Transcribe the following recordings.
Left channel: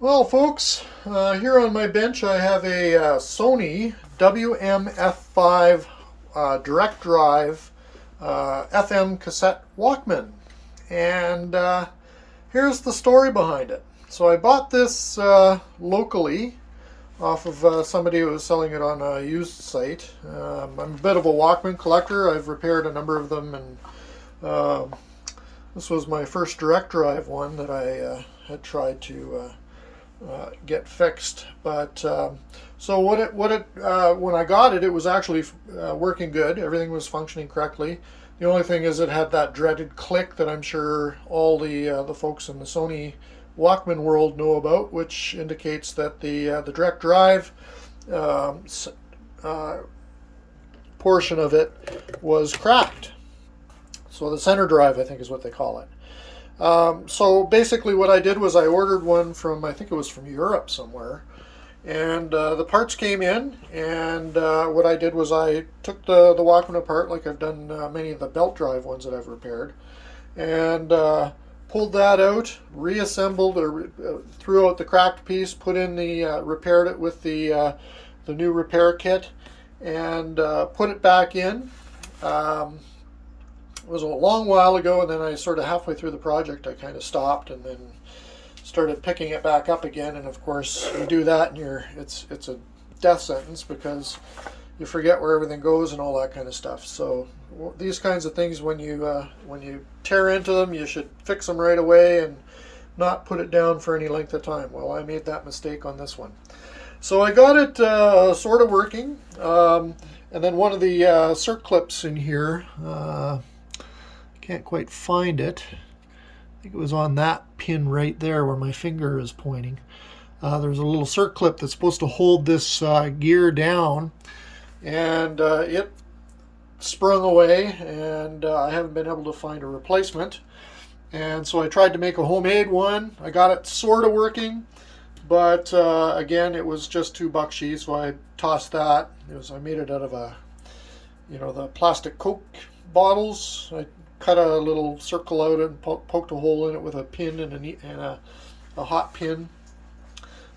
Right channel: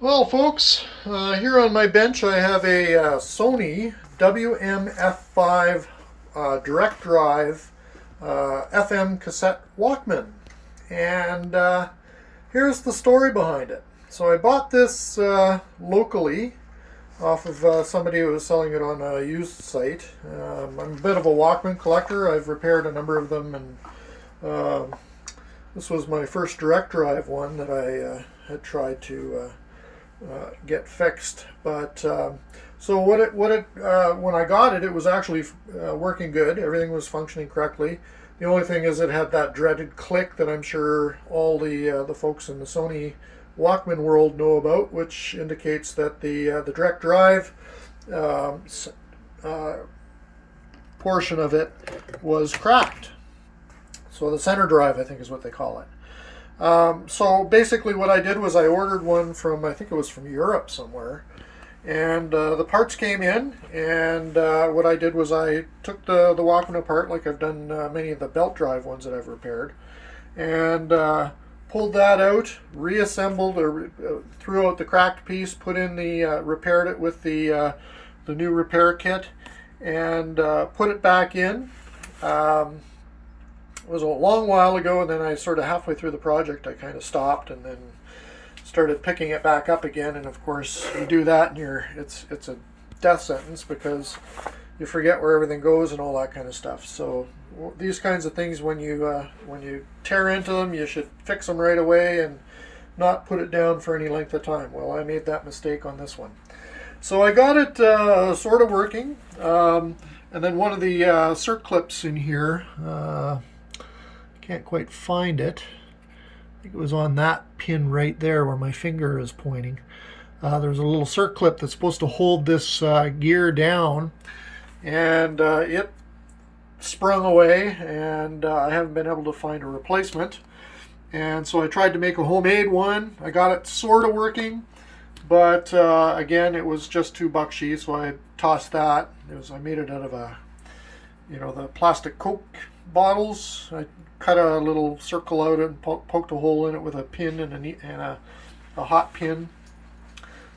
Well, folks, here on my bench I have a Sony WM-F5 direct drive FM cassette Walkman. And here's the story behind it. So I bought this locally off of somebody who was selling it on a used site. I'm a bit of a Walkman collector. I've repaired a number of them, and this was my first direct drive one that I had tried to get fixed. But so when I got it, it was actually working good. Everything was functioning correctly. The only thing is it had that dreaded click that I'm sure all the folks in the Sony Walkman world know about, which indicates that the direct drive uh, portion of it was cracked. So the center drive, I think, is what they call it. So basically, what I did was I ordered one from, I think it was from Europe somewhere, and the parts came in. And what I did was I took the Walkman apart, like I've done many of the belt drive ones that I've repaired, and pulled that out, reassembled or threw out the cracked piece, put in the repaired it with the new repair kit, and put it back in. Um, it was a long while ago, and then I sort of halfway through the project I kind of stopped and then started picking it back up again. And of course you do that and it's a death sentence because you forget where everything goes and all that kind of stuff. So these kinds of things, when you tear into them, you should fix them right away and not put it down for any length of time. Well, I made that mistake on this one. So I got it sort of working, and then one of the circlips in here, can't quite find it. I think it was on that pin right there where my finger is pointing. There's a little circlip that's supposed to hold this gear down, and it sprung away, and I haven't been able to find a replacement. And so I tried to make a homemade one. I got it sort of working, but again, it was just $2 so I tossed that. I made it out of the plastic Coke bottles. I cut a little circle out and poked a hole in it with a pin and a hot pin.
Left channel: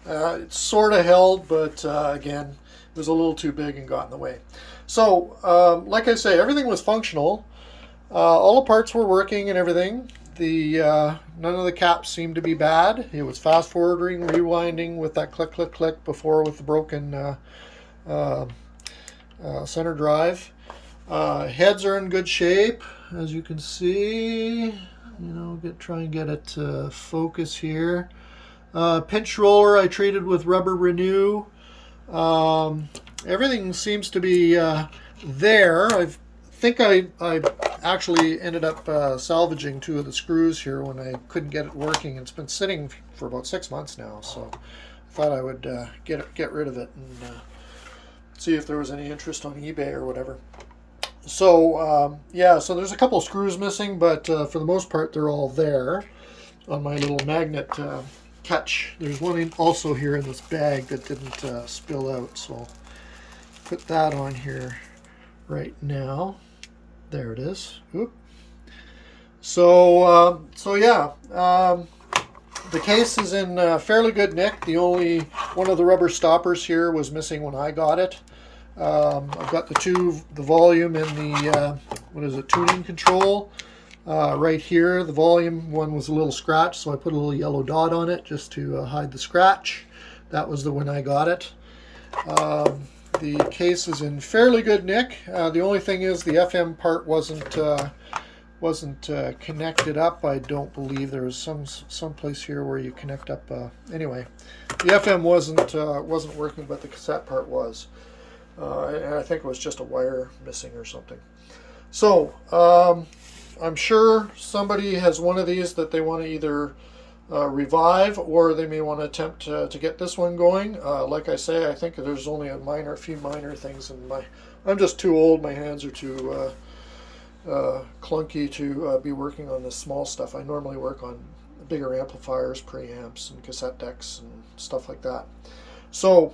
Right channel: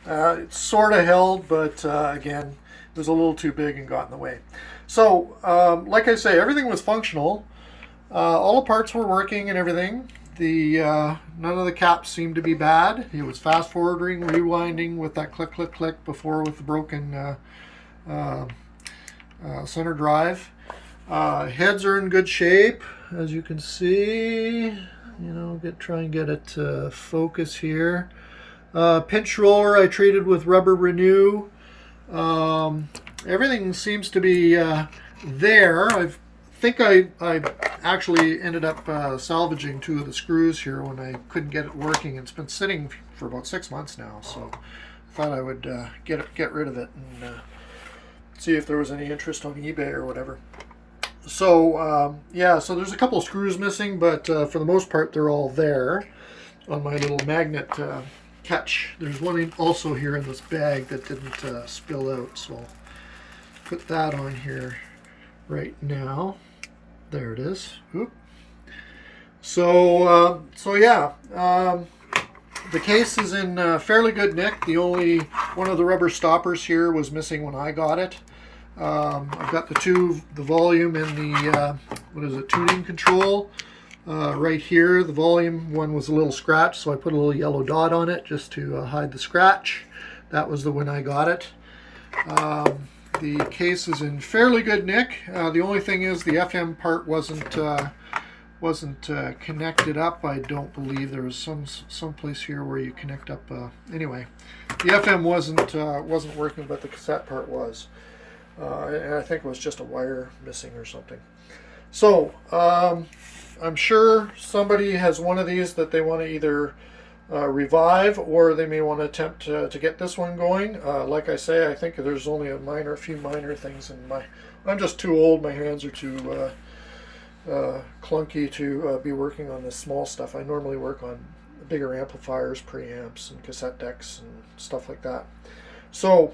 It sort of held, but again, it was a little too big and got in the way. So, like I say, everything was functional. All the parts were working and everything. None of the caps seemed to be bad. It was fast forwarding, rewinding with that click, click, click before with the broken center drive. Heads are in good shape, as you can see. Try and get it to focus here. Pinch roller I treated with rubber renew. Everything seems to be there. I think I actually ended up salvaging two of the screws here when I couldn't get it working. It's been sitting for about 6 months now, so I thought I would get rid of it and see if there was any interest on eBay or whatever. So yeah, so there's a couple of screws missing, but for the most part they're all there on my little magnet catch. There's one also here in this bag that didn't spill out, so I'll put that on here right now. There it is. Oop. So yeah, the case is in fairly good nick. The only one of the rubber stoppers here was missing when I got it. I've got the volume and the tuning control right here. The volume one was a little scratched, so I put a little yellow dot on it just to hide the scratch. That was the when I got it. The case is in fairly good nick. The only thing is the FM part wasn't connected up. I don't believe there was some place here where you connect up. Anyway, the FM wasn't working, but the cassette part was. And I think it was just a wire missing or something. So I'm sure somebody has one of these that they want to either revive, or they may want to attempt to get this one going. Like I say, I think there's only a few minor things in I'm just too old. My hands are too clunky to be working on this small stuff. I normally work on bigger amplifiers, preamps, and cassette decks and stuff like that. So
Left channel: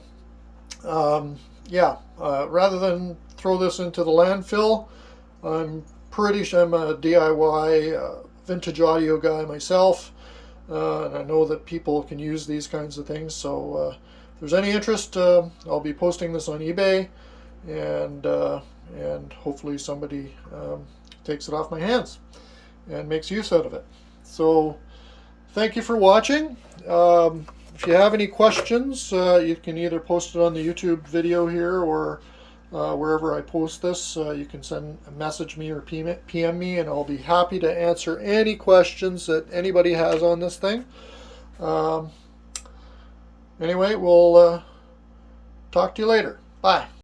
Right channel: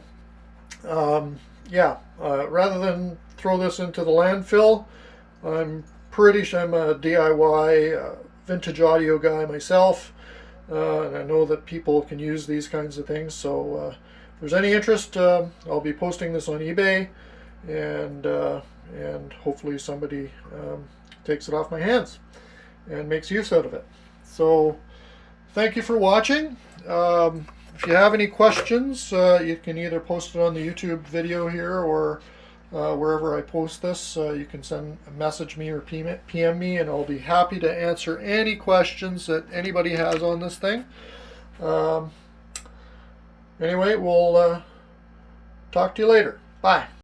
yeah, rather than throw this into the landfill, I'm a DIY vintage audio guy myself. and I know that people can use these kinds of things. So if there's any interest, I'll be posting this on eBay, and hopefully somebody takes it off my hands and makes use out of it. So thank you for watching. If you have any questions, you can either post it on the YouTube video here, or wherever I post this. You can message me or PM me, and I'll be happy to answer any questions that anybody has on this thing. Anyway, we'll talk to you later. Bye.